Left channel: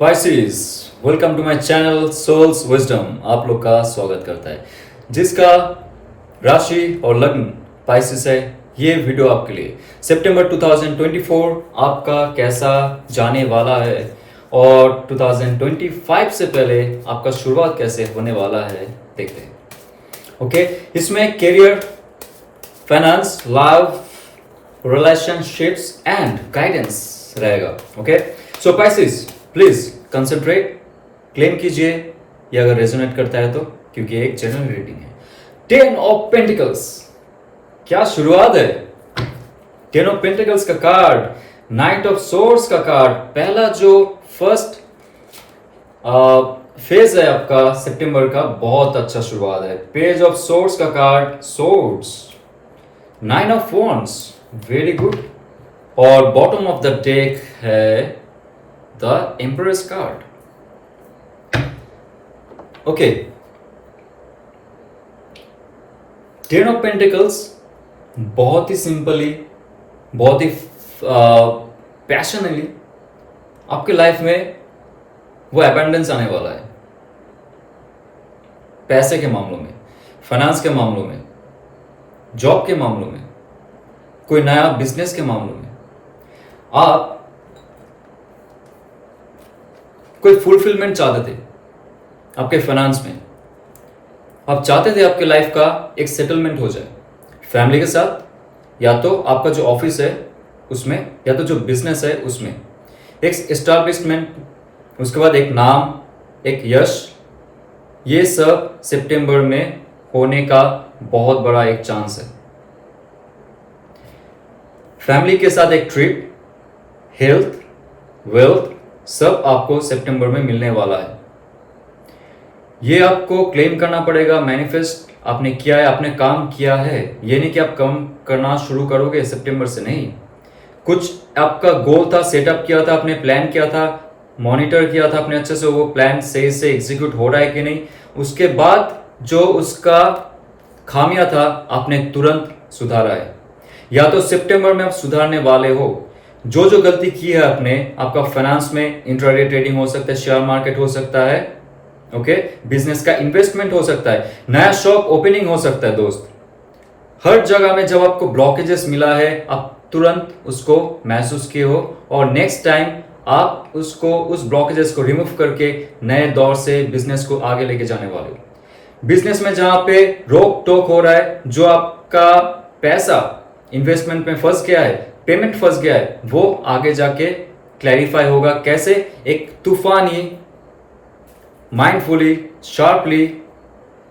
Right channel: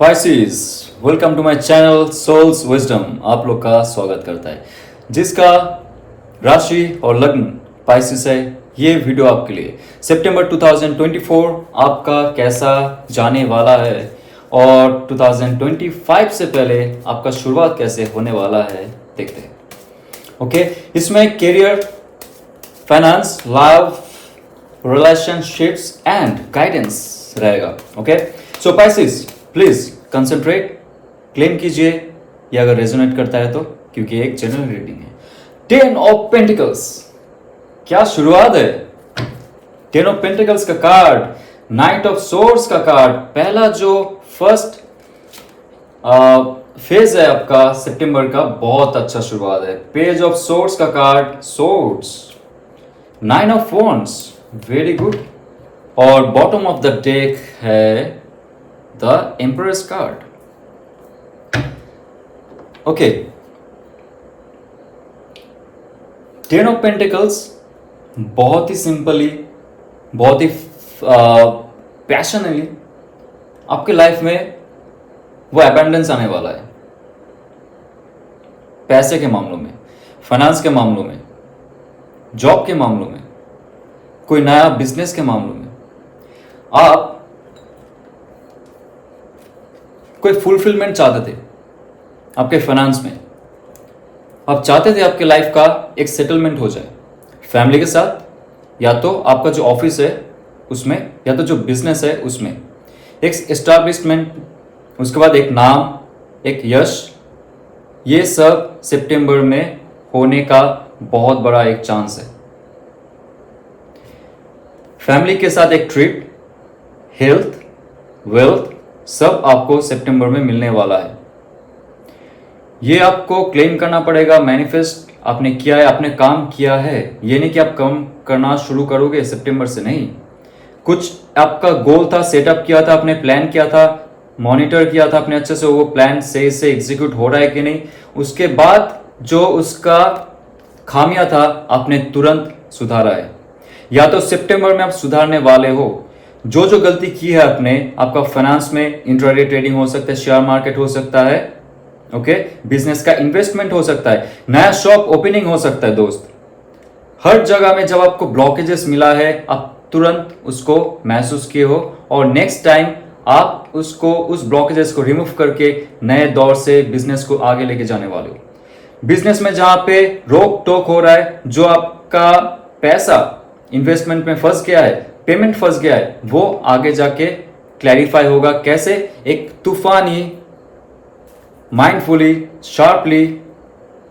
Pisces, welcome to my channel souls wisdom. आप लोग का स्वागत करता है। जिसका राशि और लग्न पाइसेस है, ये वीडियो आपके लिए सितंबर 2024 आपका कैसा जाने वाला है और 2025 से पहले आपका शुरुआत कैसे होने वाला है देखते हैं। ओके, इसमें career, finance, love, relationships and guidance रहेगा। Okay, so Pisces please concentrate, claim कीजिए ये अगर रेजोनेट करता है तो, क्योंकि एक जनरल रीडिंग है। 10 ऑफ पेंटिकल्स, क्या शुरुआत है। 10 ऑफ पेंटिकल्स का कार्ड, नाइट ऑफ सोर्ड्स का कार्ड, पहला जो फर्स्ट फेज है आपका सितंबर का, बहुत अच्छा शुरुआत है। पेज ऑफ सोर्ड्स का card, swords, 9 of wands, very good. और बॉटम ऑफ द डेक है the emperors card. Okay, 10 of pentacles बहुत ही सिंपली, बहुत ही पैशनली आपके लाइफ में वो अबंडेंस आने वाला है। पैसे के मामलों में, फाइनेंस के मामलों में, जॉब के मामलों में, कोई नया बिजनेस के मामलों में, आप कोई फुलफिलमेंट चाहते थे आपके फाइनेंस में। आप चाहते थे आपके लाइफ का एक सेटलमेंट हो जाए फैमिली के साथ, या तो आपका जो ऑफिस है उसमें, या तो जो बिजनेस है उसमें एक एस्टैब्लिशमेंट, उसके बाद एक नाम, एक यश, ये सब सितंबर में होने का बहुत बड़ा एक चांस है। फैमिली के साथ एक ट्रिप, हेल्थ, वेल्थ, सब आपको सितंबर में मिलने वाला है। ये आपको क्लेम करना पड़ेगा। मैनिफेस्ट आपने किया है, आपने काम किया है, ये नहीं कि आप काम करना शुरू करोगे सितंबर से, नहीं। कुछ आपका गोल था, सेटअप किया था आपने, प्लान किया था, मॉनिटर किया था आपने अच्छे से, वो प्लान सही से एग्जीक्यूट हो रहा है कि नहीं। उसके बाद जो उसका खामियां था आपने तुरंत सुधारा है, या तो सितंबर में आप सुधारने वाले हो। जो गलती की है आपने, आपका फाइनेंस में इंट्राडे ट्रेडिंग हो सकता है, शेयर मार्केट हो सकता है, ओके, बिजनेस का इन्वेस्टमेंट हो सकता है, नया शॉप ओपनिंग हो सकता है। दोस्त, हर जगह में जब आपको ब्लॉकेजेस मिला है, आप तुरंत उसको महसूस किए हो और नेक्स्ट टाइम आप उसको, उस ब्लॉकेजेस को रिमूव करके नए दौर से बिजनेस को आगे लेके जाने वाले हो। बिजनेस में जहां पे रोक टोक हो रहा है, जो आपका पैसा इन्वेस्टमेंट में फंस गया है, पेमेंट फंस गया है, वो आगे जाके क्लैरिफाई होगा। कैसे? एक तूफानी, माइंडफुली, शार्पली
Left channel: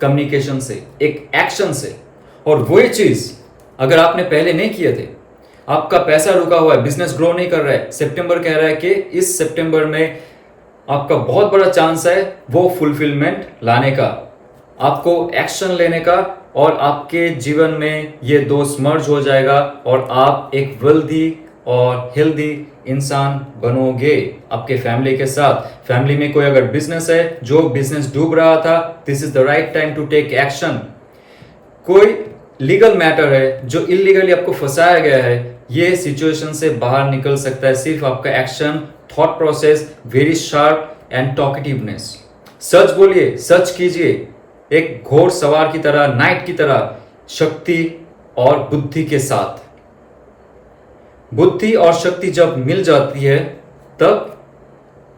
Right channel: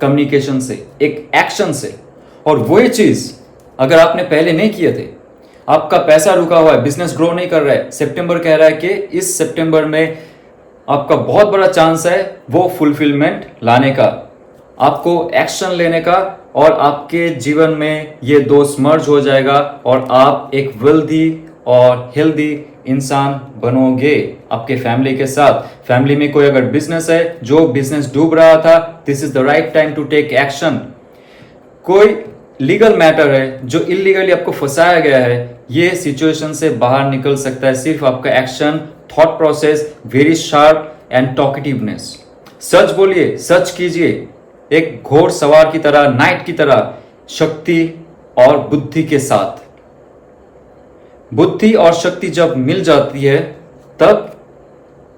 कम्युनिकेशन से, एक एक्शन से। और वही चीज अगर आपने पहले नहीं किए थे, आपका पैसा रुका हुआ है, बिजनेस ग्रो नहीं कर रहा है, सितंबर कह रहा है कि इस सितंबर में आपका बहुत बड़ा चांस है वो फुलफिलमेंट लाने का, आपको एक्शन लेने का, और आपके जीवन में ये दो मर्ज हो जाएगा और आप एक वेल्दी और हेल्दी इंसान बनोगे आपके फैमिली के साथ। फैमिली में कोई अगर बिजनेस है, जो बिजनेस डूब रहा था, this is the right time to take action. कोई लीगल मैटर है जो इलीगली आपको फंसाया गया है, ये सिचुएशन से बाहर निकल सकता है सिर्फ आपका action, thought process, very sharp and talkativeness. सच बोलिए, सच कीजिए, एक घोड़ सवार की तरह, नाइट की तरह, शक्ति और बुद्धि के साथ। बुद्धि और शक्ति जब मिल जाती है, तब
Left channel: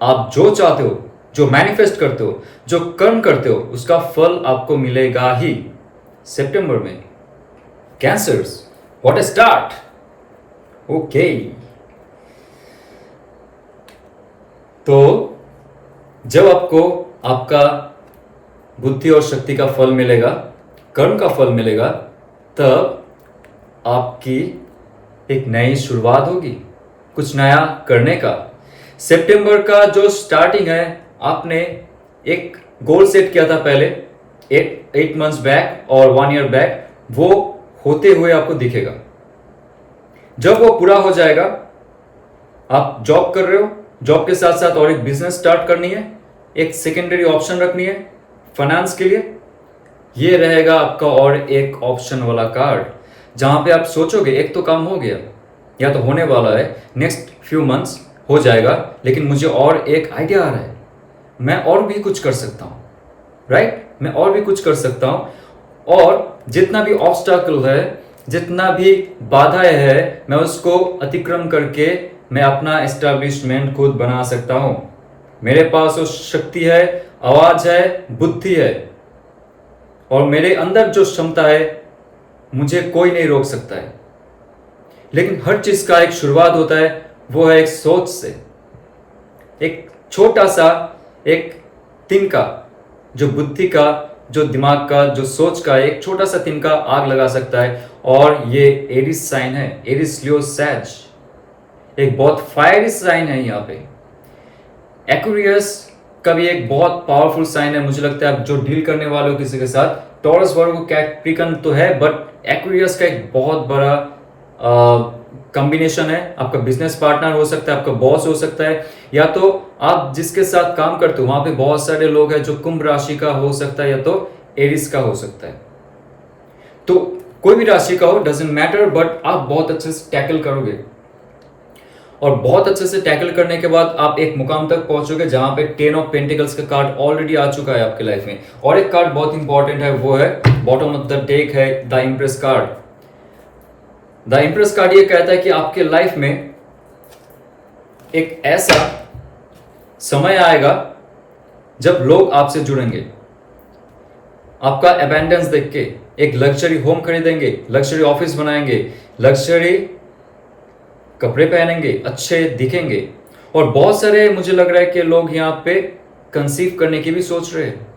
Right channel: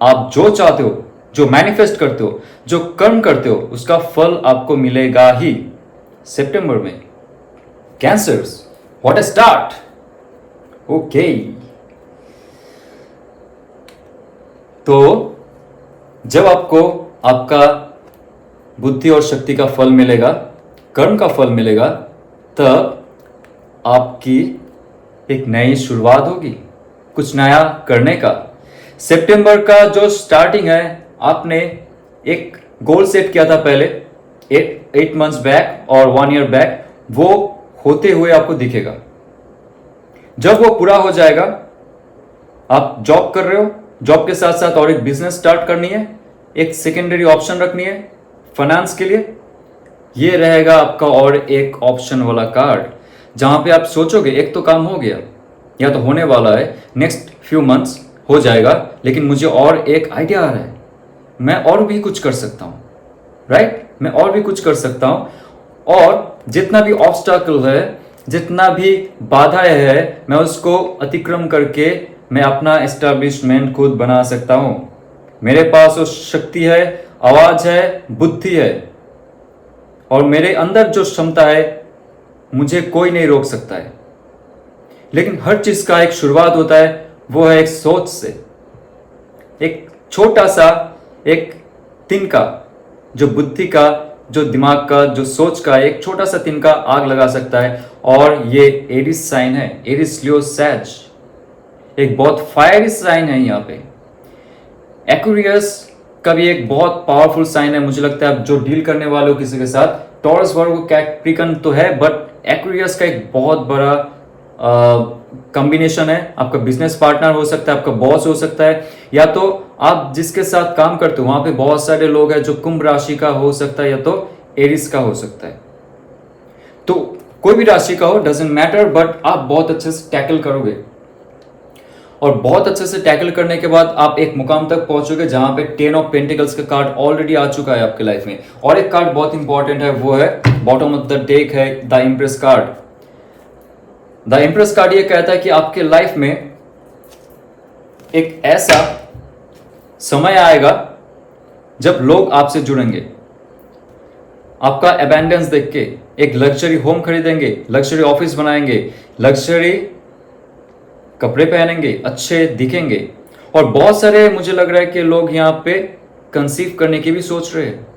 आप जो चाहते हो, जो मैनिफेस्ट करते हो, जो कर्म करते हो, उसका फल आपको मिलेगा ही सितंबर में। Cancers, what a start. Okay, तो जब आपको आपका बुद्धि और शक्ति का फल मिलेगा, कर्म का फल मिलेगा, तब आपकी एक नई शुरुआत होगी, कुछ नया करने का। सितंबर का जो स्टार्टिंग है, आपने एक गोल सेट किया था पहले 8 मंथ्स बैक और 1 ईयर बैक, वो होते हुए आपको दिखेगा। जब वो पूरा हो जाएगा, आप जॉब कर रहे हो, जॉब के साथ साथ और एक बिजनेस स्टार्ट करनी है, एक सेकेंडरी ऑप्शन रखनी है फाइनेंस के लिए, ये रहेगा आपका और एक ऑप्शन वाला कार्ड, जहां पे आप सोचोगे एक तो काम हो गया या तो होने वाला है, नेक्स्ट फ्यू मंथ्स हो जाएगा, लेकिन मुझे और एक आइडिया आ रहा है, मैं और भी कुछ कर सकता हूँ, राइट? मैं और भी कुछ कर सकता हूँ और जितना भी ऑब्स्टैकल है, जितना भी बाधाएं है, मैं उसको अतिक्रम करके मैं अपना एस्टैब्लिशमेंट खुद बना सकता हूँ। मेरे पास वो शक्ति है, आवाज है, बुद्धि है और मेरे अंदर जो क्षमता है मुझे कोई नहीं रोक सकता है। लेकिन हर चीज का एक शुरुआत होता है, वो है एक सोच से। एक छोटा सा एक तिनका, जो बुद्धि का, जो दिमाग का, जो सोच का एक छोटा सा तिनका आग लगा सकता है। और ये एरिस साइन है, एरिस लियो सैज, एक बहुत फायरी साइन है। यहाँ पे एक्वेरियस का भी एक बहुत पावरफुल साइन है। मुझे लगता है आप जो डील करने वाले हो किसी के साथ, टॉरस वर्गो कैप्रिकन तो है, बट एक्वेरियस का एक बहुत बड़ा कॉम्बिनेशन है। आपका बिजनेस पार्टनर हो सकता है, आपका बॉस हो सकता है, या तो आप जिसके साथ काम करते हो वहां पे बहुत सारे लोग हैं जो कुंभ राशि का हो सकता है या तो एरिस का हो सकता है। तो कोई भी राशि का हो, डजंट मैटर, बट आप बहुत अच्छे से टैकल करोगे और बहुत अच्छे से टैकल करने के बाद आप एक मुकाम तक पहुंचोगे जहां पे 10 ऑफ पेंटिकल्स का कार्ड ऑलरेडी आ चुका है आपके लाइफ में। और एक कार्ड बहुत इंपॉर्टेंट है, वो है बॉटम ऑफ द डेक है the empress card. The empress card ये कहता है कि आपके लाइफ में एक ऐसा समय आएगा जब लोग आपसे जुड़ेंगे, आपका अबैंडेंस देख के एक लग्जरी होम खरीदेंगे, लग्जरी ऑफिस बनाएंगे, लग्जरी कपड़े पहनेंगे, अच्छे दिखेंगे। और बहुत सारे मुझे लग रहा है कि लोग यहां पे कंसीव करने की भी सोच रहे हैं।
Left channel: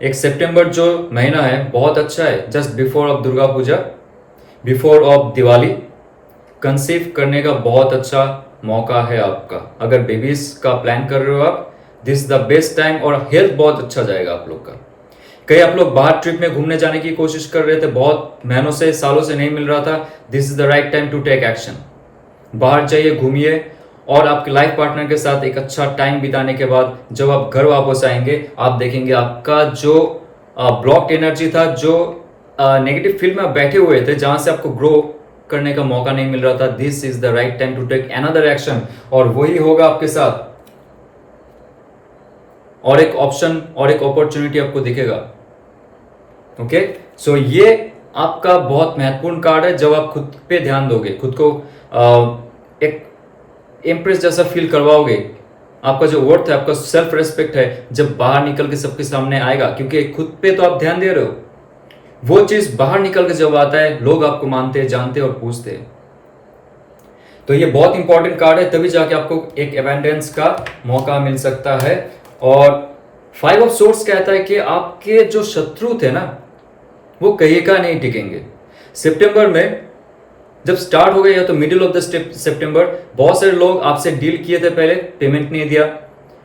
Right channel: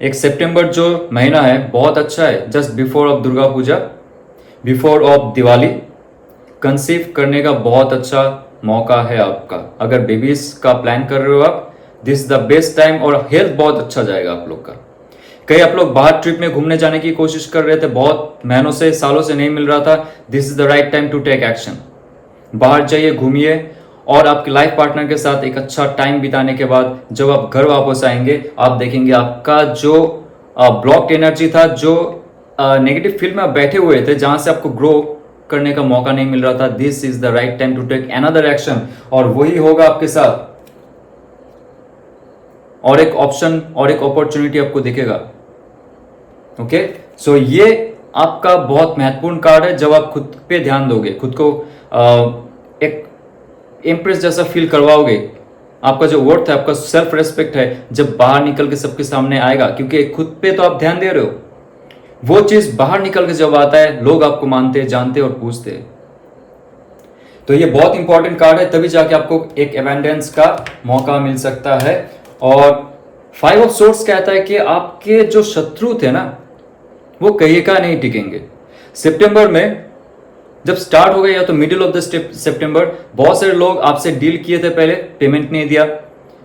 एक सितंबर जो महीना है बहुत अच्छा है, just before of Durga Puja, before of Diwali, conceive करने का बहुत अच्छा मौका है आपका। अगर बेबीज का प्लान कर रहे हो आप, this is the best time. और हेल्थ बहुत अच्छा जाएगा आप लोग का। कई आप लोग बाहर ट्रिप में घूमने जाने की कोशिश कर रहे थे, बहुत महीनों से, सालों से नहीं मिल रहा था, this is the right time to take action. बाहर जाइए, घूमिए और आपके लाइफ पार्टनर के साथ एक अच्छा टाइम बिताने के बाद जब आप घर वापस आएंगे, आप देखेंगे आपका जो ब्लॉक्ड एनर्जी था, जो नेगेटिव फील्ड में आप बैठे हुए थे, जहां से आपको ग्रो करने का मौका नहीं मिल रहा था, this is the right time to take another action. और वही होगा आपके साथ, और एक ऑप्शन और एक अपॉर्चुनिटी आपको दिखेगा। ओके, सो ये आपका बहुत महत्वपूर्ण कार्ड है। जब आप खुद पे ध्यान दोगे, खुद को एक एम्प्रेस जैसा फील करवाओगे, आपका जो वर्थ है, आपका सेल्फ रेस्पेक्ट है, जब बाहर निकल के सबके सामने आएगा, क्योंकि खुद पे तो आप ध्यान दे रहे हो, वो चीज बाहर निकल के जब आता है, लोग आपको मानते, जानते और पूछते हैं। तो ये बहुत इंपॉर्टेंट कार्ड है, तभी जाके आपको एक एबंडेंस का मौका मिल सकता है। और 5 ऑफ सोर्ड्स कहता है कि आपके जो शत्रु थे ना, वो कहीं का नहीं टिकेंगे। सितंबर में जब स्टार्ट हो गया, या तो मिडिल ऑफ द सितंबर, बहुत सारे लोग आपसे डील किए थे, पहले पेमेंट नहीं दिया,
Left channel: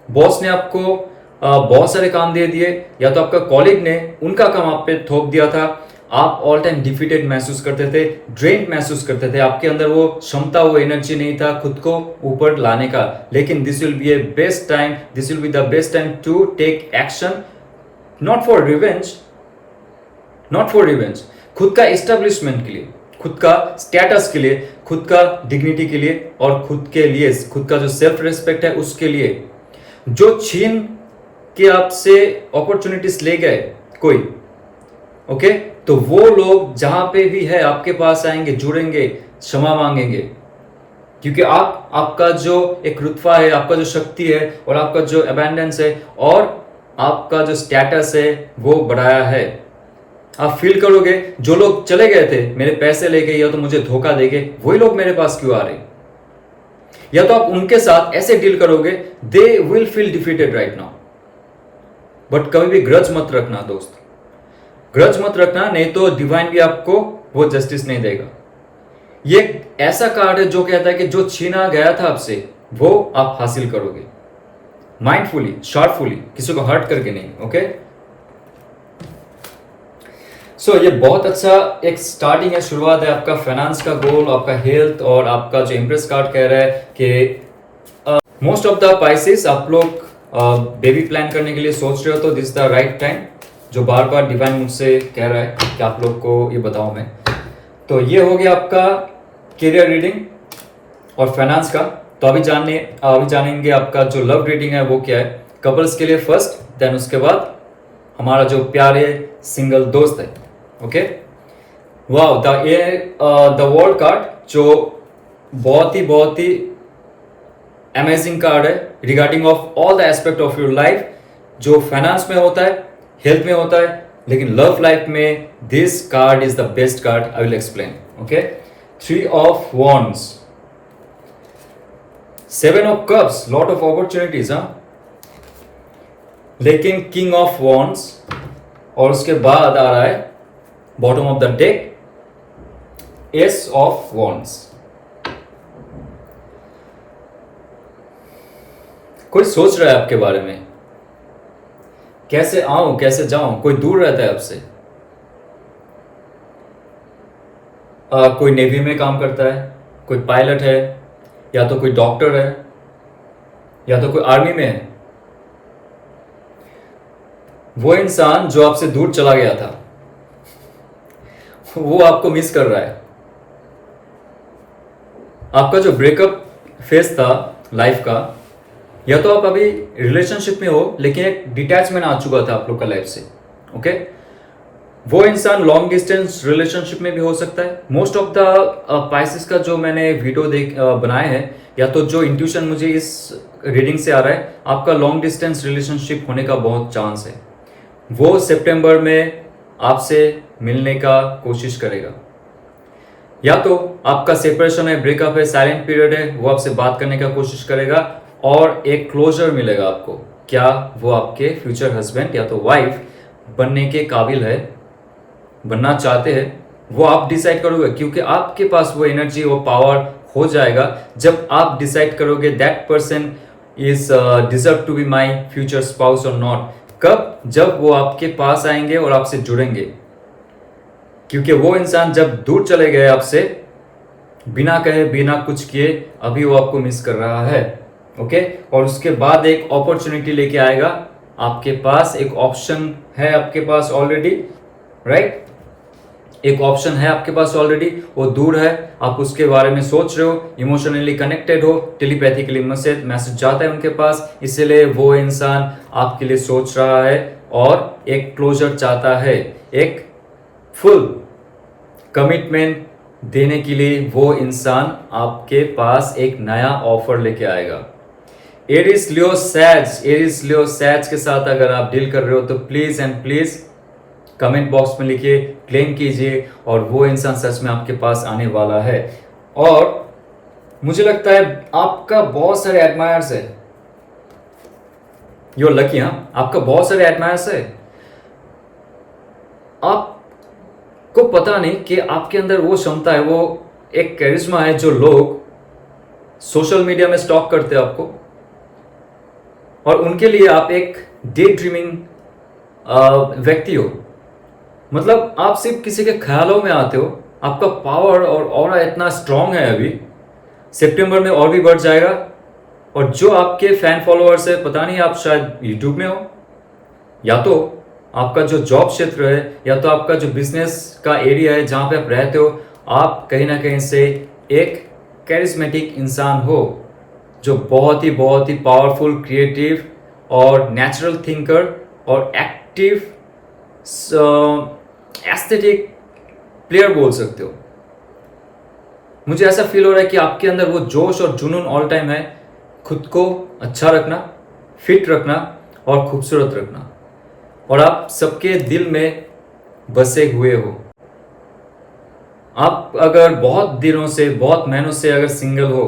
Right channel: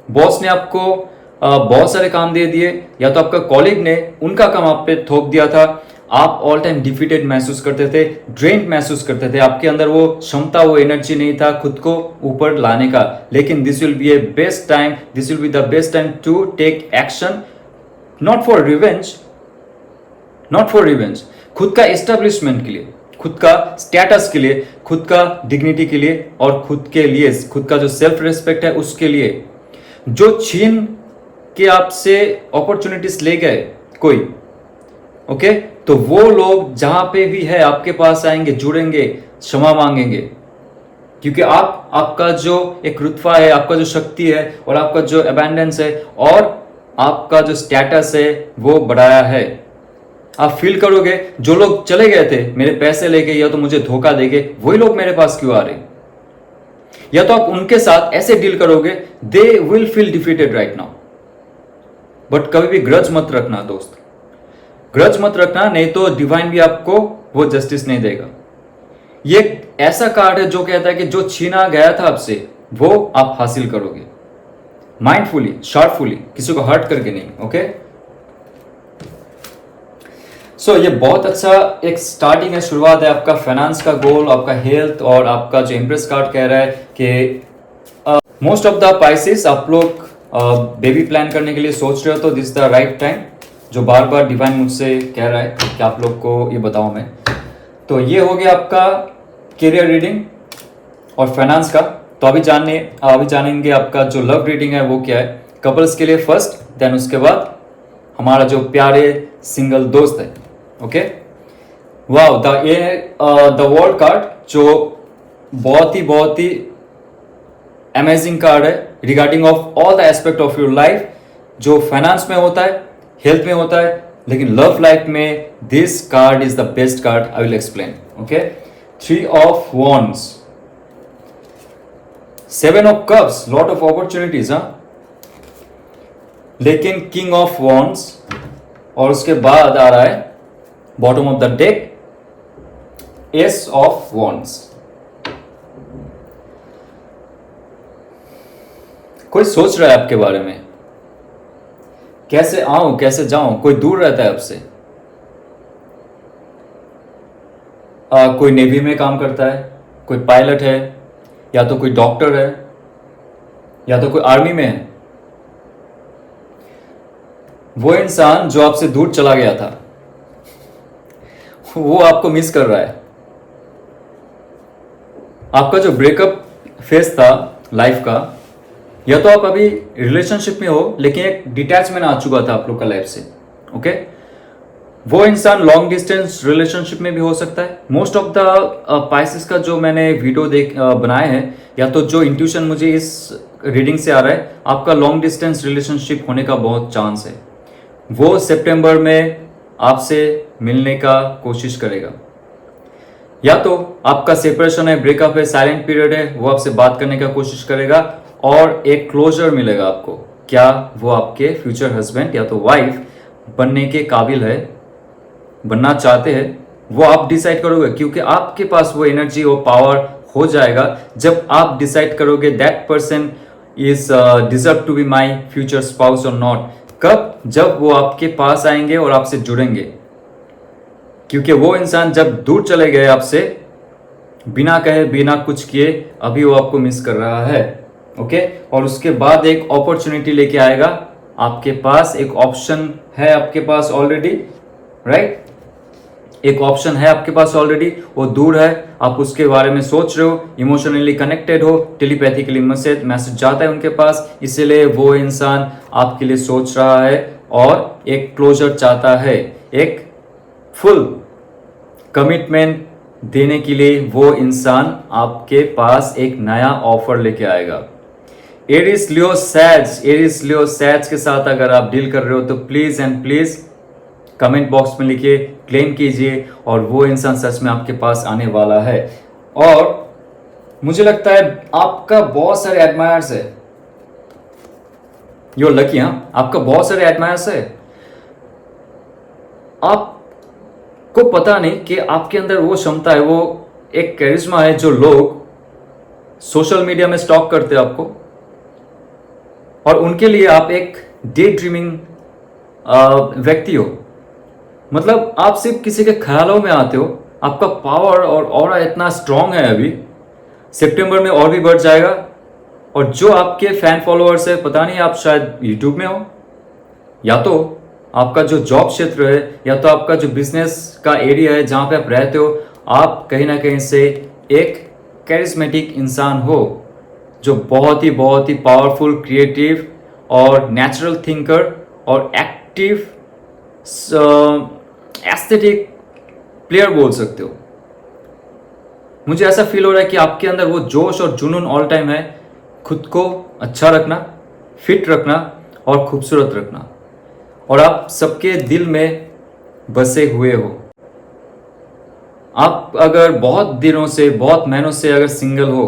बॉस ने आपको बहुत सारे काम दे दिए, या तो आपका कॉलीग ने उनका काम आप पे थोप दिया था। आप ऑल टाइम डिफीटेड महसूस करते थे, ड्रेन्ड महसूस करते थे, आपके अंदर वो क्षमता, वो एनर्जी नहीं था खुद को ऊपर लाने का। लेकिन this will be a best time, this will be the best time to take action, not for revenge, not for revenge, खुद का एस्टेब्लिशमेंट के लिए, खुद का स्टेटस के लिए, खुद का डिग्निटी के लिए, और खुद के लिए, खुद का जो सेल्फ रिस्पेक्ट है उसके लिए। जो छीन के आपसे अपॉर्चुनिटीज ले गए कोई, ओके, तो वो लोग जहां पे भी है आपके पास आएंगे, जुड़ेंगे, क्षमा मांगेंगे, क्योंकि आपका जो एक रुतबा है, आपका जो शक्ति है, और आपका जो अबैंडेंस है, और आपका जो स्टेटस है, वो बढ़ाया है। आप फील करोगे जो लोग चले गए थे, मेरे पैसे ले गए या तो मुझे धोखा दे गए, वही लोग मेरे पास क्यों आ रहे, या तो आप उनके साथ ऐसे डील करोगे, they will feel defeated right now. But कभी भी ग्रज मत रखना दोस्त, ग्रज मत रखना, नहीं तो डिवाइन भी आपको वो जस्टिस नहीं देगा। ये ऐसा कार्ड है जो कहता है कि जो छीना गया था आपसे, वो आप हासिल करोगे, माइंडफुली, शार्पफुली, किसी को हर्ट करके नहीं। ओके, सो ये बहुत अच्छा एक स्टार्टिंग है, शुरुआत है आपका फाइनेंस का गोल, आपका हेल्थ, और आपका जो इम्प्रेस कार्ड कह रहा है कि मोस्ट ऑफ द पाइसेस आप लोग बेबी प्लान करने के लिए सोच रहे हो, तो this is the right time, जो बार बार डिवाइन मुझसे कह रहा है कि आप लोग को ये बताऊं मैं। तो ये हो गया आपका करियर रीडिंग और फाइनेंस का। तो अभी जानेंगे आपका जो लव रीडिंग है वो क्या है, कपल्स के लिए फर्स्ट, देन उसके बाद हमारा जो प्यारे सिंगल दोस्त है। Okay, wow, the world card जो बहुत ही अमेजिंग कार्ड है regarding of all the aspect of your life, जो फाइनेंस में होता है, हेल्थ में होता है, लेकिन लव लाइफ में this card is the best card. I will explain. Okay, 3 of wands, 7 of cups, lot of opportunities, लेकिन किंग ऑफ वॉन्ड्स, और उसके बाद आ रहा है bottom of the deck S of wands. कोई सोच रहा है आपके बारे में, कैसे आऊं कैसे जाऊं, कोई दूर रहता है आपसे, कोई नेवी में काम करता है, कोई पायलट है, या तो कोई डॉक्टर है, या तो कोई आर्मी में है। वो इंसान जो आपसे दूर चला गया था वो आपको मिस कर रहा है। आपका जो ब्रेकअप फेज था लाइफ का, या तो आप अभी रिलेशनशिप में हो लेकिन एक डिटैचमेंट आ चुका था आप लोग का लाइफ से। ओके, वो इंसान लॉन्ग डिस्टेंस रिलेशनशिप में भी हो सकता है। मोस्ट ऑफ द पाइसेस का जो मैंने वीडियो बनाए हैं, या तो जो इंट्यूशन मुझे इस रीडिंग से आ रहा है, आपका लॉन्ग डिस्टेंस रिलेशनशिप होने का बहुत चांस है। वो सितंबर में आपसे मिलने का कोशिश करेगा, या तो आपका सेपरेशन है, ब्रेकअप है, साइलेंट पीरियड है, वो आपसे बात करने का कोशिश करेगा और एक क्लोजर मिलेगा आपको। क्या वो आपके फ्यूचर हस्बैंड या तो वाइफ बनने के काबिल है, बनना चाहते हैं, वो आप डिसाइड करोगे, क्योंकि आपके पास वो एनर्जी और पावर हो जाएगा जब आप डिसाइड करोगे that person is deserve to be my future spouse और नॉट। कब? जब वो आपके पास आएंगे और आपसे जुड़ेंगे, क्योंकि वो इंसान जब दूर चले गए आपसे, बिना कहे बिना कुछ किए, अभी वो आपको मिस कर रहा है। ओके, और उसके बाद एक अपॉर्चुनिटी लेके आएगा आपके पास, एक ऑप्शन है आपके पास ऑलरेडी, राइट? एक ऑप्शन है आपके पास ऑलरेडी, वो दूर है, आप उसके बारे में सोच रहे हो, इमोशनली कनेक्टेड हो, टेलीपैथिकली मैसेज जाता है उनके पास, इसलिए वो इंसान आपके लिए सोच रहा है और एक क्लोजर चाहता है, एक फुल कमिटमेंट देने के लिए वो इंसान आपके पास एक नया ऑफर लेके आएगा। एरिस लियो सैज के साथ अगर आप डील कर रहे हो तो please and please comment box में लिखिए, क्लेम कीजिए, और वो इंसान सच में आपके पास आने वाला है। और मुझे लगता है आपका बहुत सारे एडमायर्स है, यो लकी, हाँ, आपका बहुत सारे एडमायर्स है। आपको पता नहीं कि आपके अंदर वो क्षमता है, वो एक कैरिज्मा है जो लोग सोशल मीडिया में स्टॉक करते हैं आपको, और उनके लिए आप एक डे ड्रीमिंग व्यक्ति हो। मतलब आप सिर्फ किसी के ख्यालों में आते हो, आपका पावर और ऑरा इतना स्ट्रांग है, अभी सितंबर में और भी बढ़ जाएगा। और जो आपके फैन फॉलोअर्स है, पता नहीं आप शायद यूट्यूब में हो, या तो आपका जो जॉब क्षेत्र है, या तो आपका जो बिजनेस का एरिया है जहां पे आप रहते हो, आप कहीं ना कहीं से एक कैरिस्मेटिक इंसान हो जो बहुत ही पावरफुल, क्रिएटिव और नेचुरल थिंकर और एक्टिव एस्थेटिक प्लेयर बोल सकते हो। मुझे ऐसा फील हो रहा है कि आपके अंदर वो जोश और जुनून ऑल टाइम है, खुद को अच्छा रखना, फिट रखना और खूबसूरत रखना, और आप सबके दिल में बसे हुए हो। आप अगर बहुत दिनों से, बहुत महीनों से अगर सिंगल हो,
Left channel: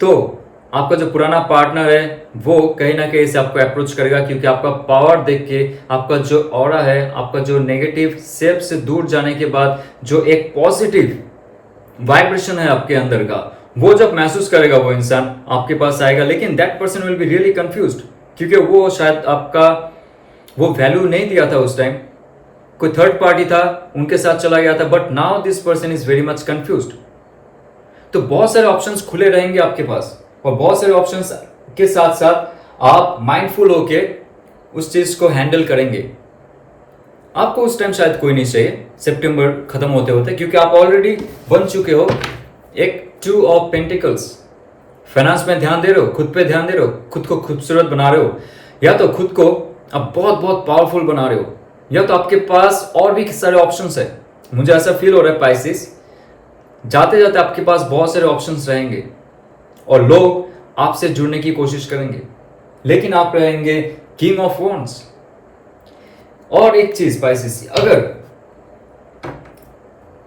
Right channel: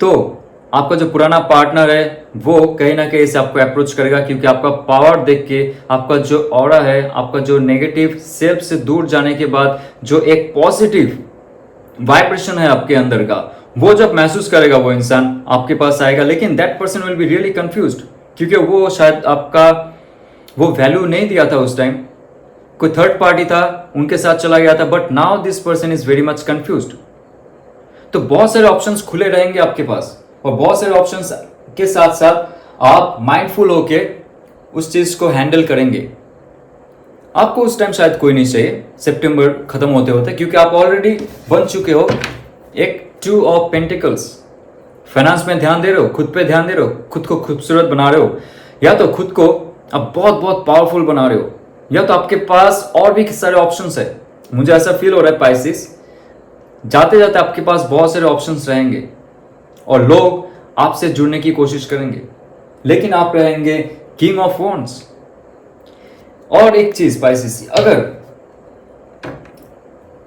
तो आपका जो पुराना पार्टनर है वो कहीं ना कहीं से आपको अप्रोच करेगा, क्योंकि आपका पावर देख के, आपका जो ऑरा है, आपका जो नेगेटिव सेल्फ से दूर जाने के बाद जो एक पॉजिटिव वाइब्रेशन है आपके अंदर का, वो जब महसूस करेगा वो इंसान आपके पास आएगा। लेकिन that person will be really confused, क्योंकि वो शायद आपका वो वैल्यू नहीं दिया था उस टाइम, कोई थर्ड पार्टी था, उनके साथ चला गया था, but now this person is very much confused. तो बहुत सारे ऑप्शंस खुले रहेंगे आपके पास, और बहुत सारे ऑप्शंस के साथ साथ आप माइंडफुल होके उस चीज को हैंडल करेंगे। आपको उस टाइम शायद कोई नहीं चाहिए सितंबर खत्म होते होते, क्योंकि आप ऑलरेडी बन चुके हो एक 2 ऑफ पेंटिकल्स, फाइनेंस में ध्यान दे रहे हो, खुद पे ध्यान दे रहे हो, खुद को खूबसूरत बना रहे हो, या तो खुद को अब बहुत बहुत पावरफुल बना रहे हो, या तो आपके पास और भी सारे ऑप्शंस है। मुझे ऐसा फील हो रहा है पाइसेस, जाते जाते आपके पास बहुत सारे ऑप्शंस रहेंगे और लोग आपसे जुड़ने की कोशिश करेंगे, लेकिन आप रहेंगे किंग ऑफ वॉन्ड्स। और एक चीज पाइसेस, अगर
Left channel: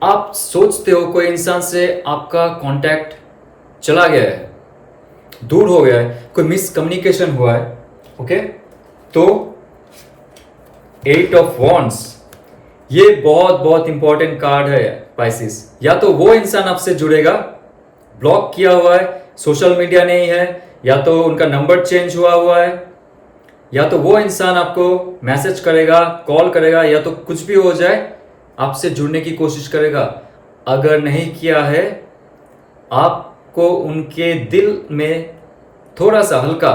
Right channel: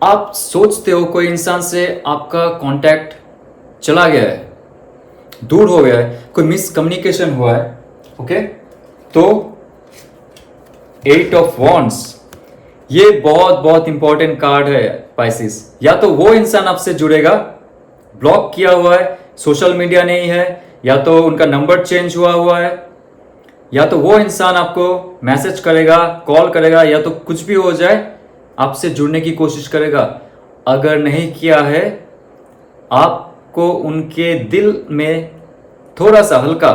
आप सोचते हो कोई इंसान से आपका कांटेक्ट चला गया है, दूर हो गया है, कोई मिसकम्युनिकेशन हुआ है, ओके, तो 8 ऑफ वॉन्ड्स ये बहुत बहुत इंपॉर्टेंट कार्ड है पाइसेस। या तो वो इंसान आपसे जुड़ेगा, ब्लॉक किया हुआ है, सोशल मीडिया नहीं है, या तो उनका नंबर चेंज हुआ है, या तो वो इंसान आपको मैसेज करेगा, कॉल करेगा, या तो कुछ भी हो जाए आपसे जुड़ने की कोशिश करेगा। अगर नहीं किया है, आपको उनके दिल में थोड़ा सा हल्का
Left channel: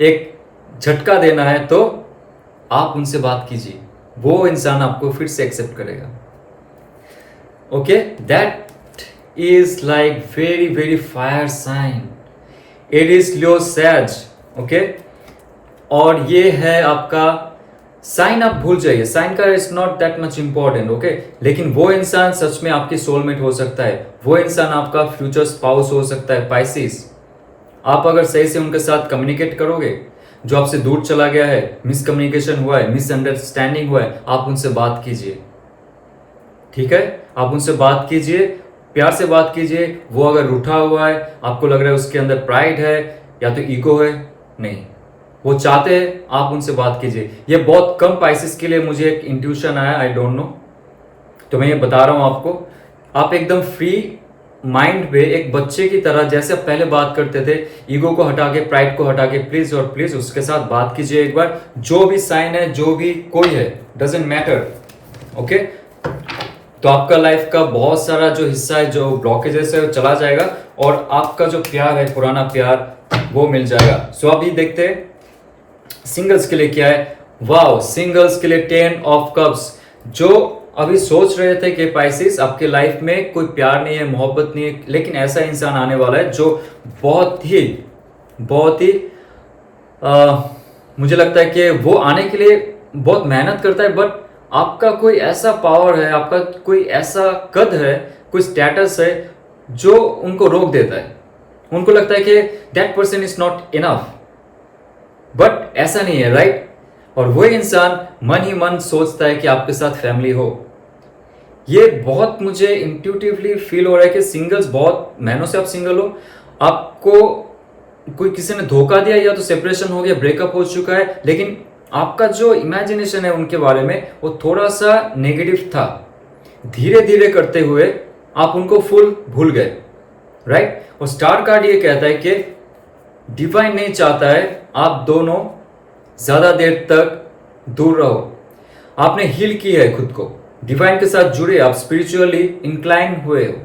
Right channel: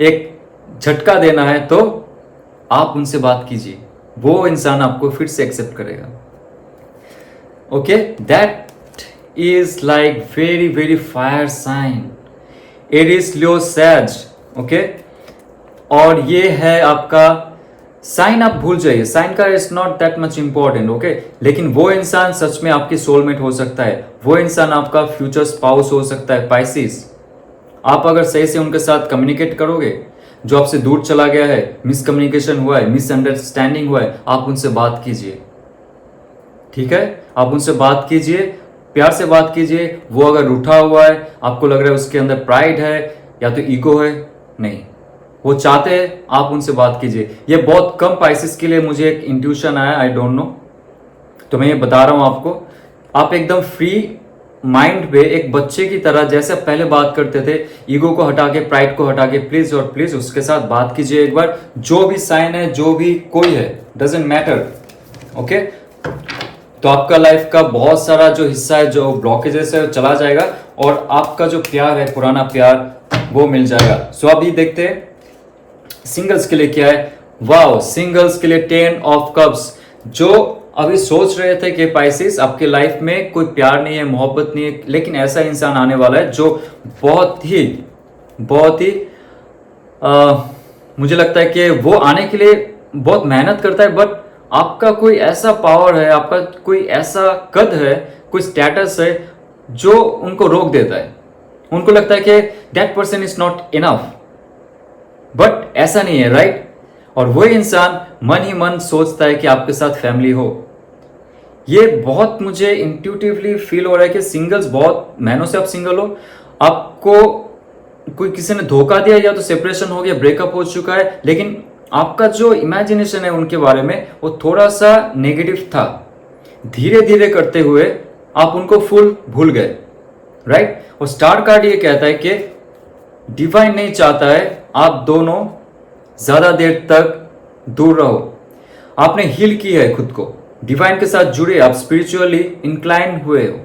एक झटका देना है, तो आप उनसे बात कीजिए, वो इंसान आपको फिर से एक्सेप्ट करेगा। Okay, that is like very very fire sign, Aries Leo सैज, ओके। और ये है आपका साइन, आप भूल जाइए, साइन का is not that much important, okay. लेकिन वो इंसान सच में आपकी सोलमेट हो सकता है, वो इंसान आपका फ्यूचर स्पाउस हो सकता है पाइसेस। आप अगर सही से उनके साथ कम्युनिकेट करोगे, जो आपसे दूर चला गया है, मिसकम्युनिकेशन हुआ है, मिसअंडरस्टैंडिंग हुआ है, आप उनसे बात कीजिए, ठीक है, आप उनसे बात कीजिए, प्यार से बात कीजिए। वो अगर रूठा हुआ है, आपको लग रहा है उसके अंदर प्राइड है या तो ईगो है, नहीं, वो चाहते हैं आप उनसे बात कीजिए। ये बहुत कम पाइसेस के लिए मुझे एक इंट्यूशन आया, आई डोंट नो, तो मैं ये बता रहा हूं आपको। आप एकदम फ्री माइंड पे एक बच्चे की तरह जैसे पहले बात करते थे, ईगो को हटा के, प्राइड को हटा के, प्लीज और प्लीज उसके साथ बात कीजिए एक बार। जो भी साइन है, जो भी कोई है, डजेंट मैटर, ओके। तो आपका लाइफ का बहुत सारा जो हिस्सा है, जो ब्लॉकेजेस है, वो चला जाएगा और आपका जो प्यार है, पुराना प्यार, वो मिल जाएगा। सो अभी देखते हैं सिंगल्स के लिए क्या है। वाओ, सिंगल्स के लिए 10 ऑफ कप्स। जो अभी सोच रहे थे कि पाइसेस आपके लाइफ में कोई प्यार नहीं है, मोहब्बत नहीं है, लेकिन ऐसा इंसान आने वाला है जो बहुत ही मुझे लगता है कि वो आने के लिए बहुत मेहनत करता है, बट आपका कोई ऐसा पावर है, आपका कोई ऐसा कद है, कोई स्टेटस है जो उनको रोक देता है। उनको लगता है कि that person is not enough, but ऐसा नहीं है, राइट। और वही इंसान मन ही मन सोचता है कि आपके साथ फैमिली हो। ये बहुत मुझे इंट्यूटिवली फील हो रहा है कि सिंगल्स, बहुत महीनों से आप सिंगल हो, आपको कोई किसी ने धोखा दिया, या तो सेपरेशन हो गया, ब्रेकअप हो चुका है, लेकिन आपका जो इमेजिनेशन है उनके बारे में वो थोड़ा सा नेगेटिव था। धीरे धीरे करते हुए आप उनको फुल भूल गए, राइट। और स्टार कार्ड ये कहता है कि डिवाइन नहीं चाहता है आप दोनों ज्यादा देर तक दूर रहो। आपने हील की है खुद को, डिवाइन के साथ जुड़े, आप स्पिरिचुअली इंक्लाइन हुए हो,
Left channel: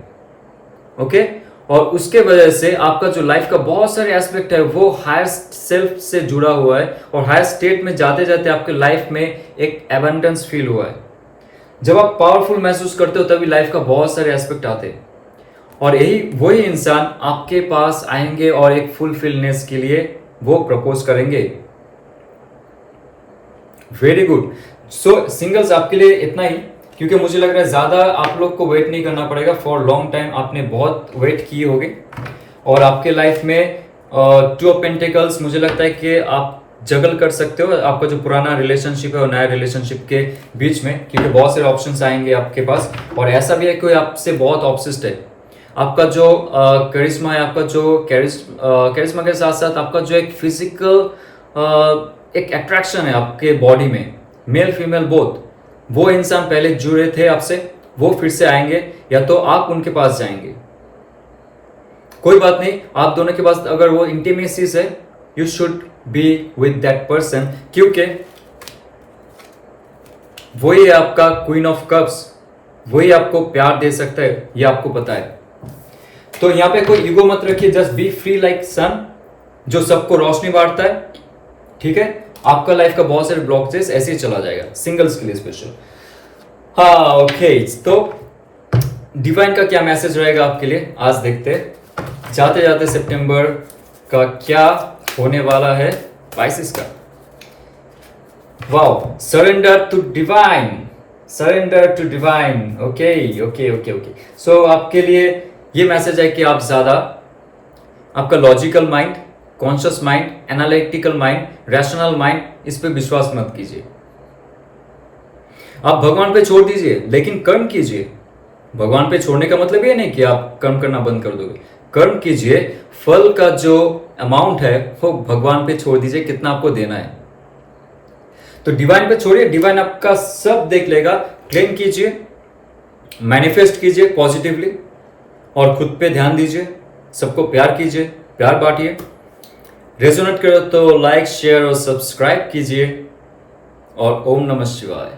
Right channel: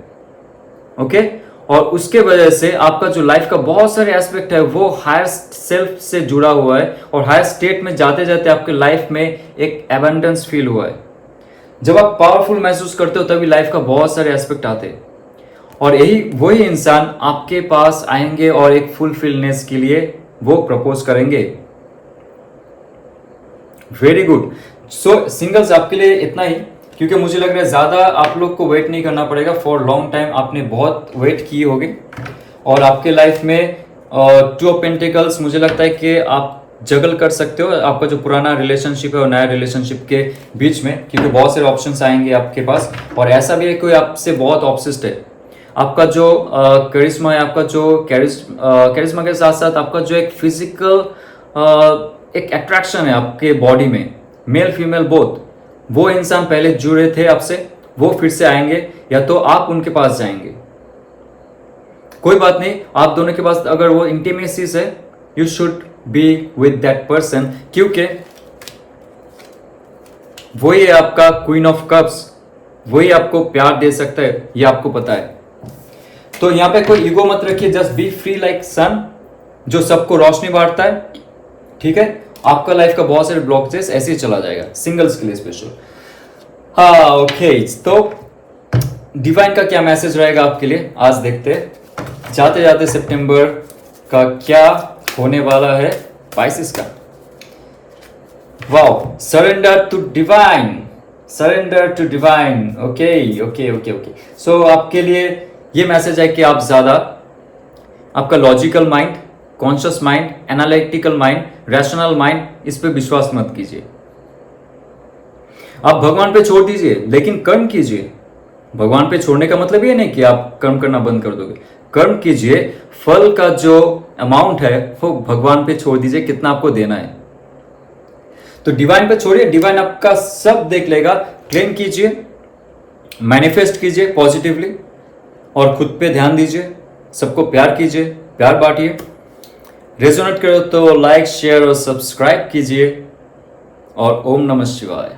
ओके। और उसके वजह से आपका जो लाइफ का बहुत सारे एस्पेक्ट है वो हायर सेल्फ से जुड़ा हुआ है, और हायर स्टेट में जाते जाते आपके लाइफ में एक एबंडेंस फील हुआ है। जब आप पावरफुल महसूस करते हो तभी लाइफ का बहुत सारे एस्पेक्ट आते हैं, और यही वही इंसान आपके पास आएंगे और एक फुलफिलनेस के लिए वो प्रपोज करेंगे। Very good. सो सिंगल्स आपके लिए इतना ही, क्योंकि मुझे लग रहा है ज्यादा आप लोग को वेट नहीं करना पड़ेगा। फॉर लॉन्ग टाइम आपने बहुत वेट किए होंगे, और आपके लाइफ में 2 ऑफ पेंटिकल्स, मुझे लगता है कि आप जगल कर सकते हो आपका जो पुराना रिलेशनशिप है और नया रिलेशनशिप के बीच में, क्योंकि बहुत सारे ऑप्शंस आएंगे आपके पास। और ऐसा भी है कोई आपसे बहुत ऑब्सेस्ड है, आपका जो करिश्मा है, आपका जो करिश्मा के साथ साथ आपका जो एक फिजिकल एक अट्रैक्शन है आपके बॉडी में, मेल फीमेल बोथ, वो इंसान पहले जुड़े थे आपसे, वो फिर से आएंगे, या तो आप उनके पास जाएंगे, कोई बात नहीं। आप दोनों के पास अगर वो इंटीमेसीज है, you should be with that person, क्योंकि वही है आपका क्वीन ऑफ कप्स, वही आपको प्यार दे सकता है, ये आपको पता है। तो यहां पे कोई ईगो मत रखिए, जस्ट बी फ्री लाइक सन, जो सबको रोशनी बांटता है, ठीक है। आपका लाइफ का बहुत सारे ब्लॉकेजेस ऐसे ही चला जाएगा, सिंगल्स के लिए स्पेशल। हाँ, ओके। तो डिवाइन का क्या मैसेज रहेगा आपके लिए, आज देखते हैं। जाते जाते सितंबर का क्या होने वाला है पाइसेस का। Wow, surrender to divine, surrender to divine. Okay okay okay okay. So आपके लिए ये मैसेज है कि आप ज्यादा आपका logical mind, conscious mind, analytical mind, rational mind, इस पे विश्वास मत कीजिए। आप भगवान पे छोड़ दीजिए, लेकिन कर्म कीजिए। भगवान पे छोड़ने का मतलब ये नहीं कि आप कर्म करना बंद कर दोगे। कर्म कीजिए, फल का जो अमाउंट है वो भगवान पे छोड़ दीजिए, कितना आपको देना है। तो डिवाइन पे छोड़िए, डिवाइन आपका सब देख लेगा। क्लेम कीजिए, मैनिफेस्ट कीजिए पॉजिटिवली, और खुद पे ध्यान दीजिए। सबको प्यार कीजिए, प्यार बांटिए। रेजोनेट करो तो लाइक, शेयर और सब्सक्राइब कीजिए। और ओम नमः शिवाय।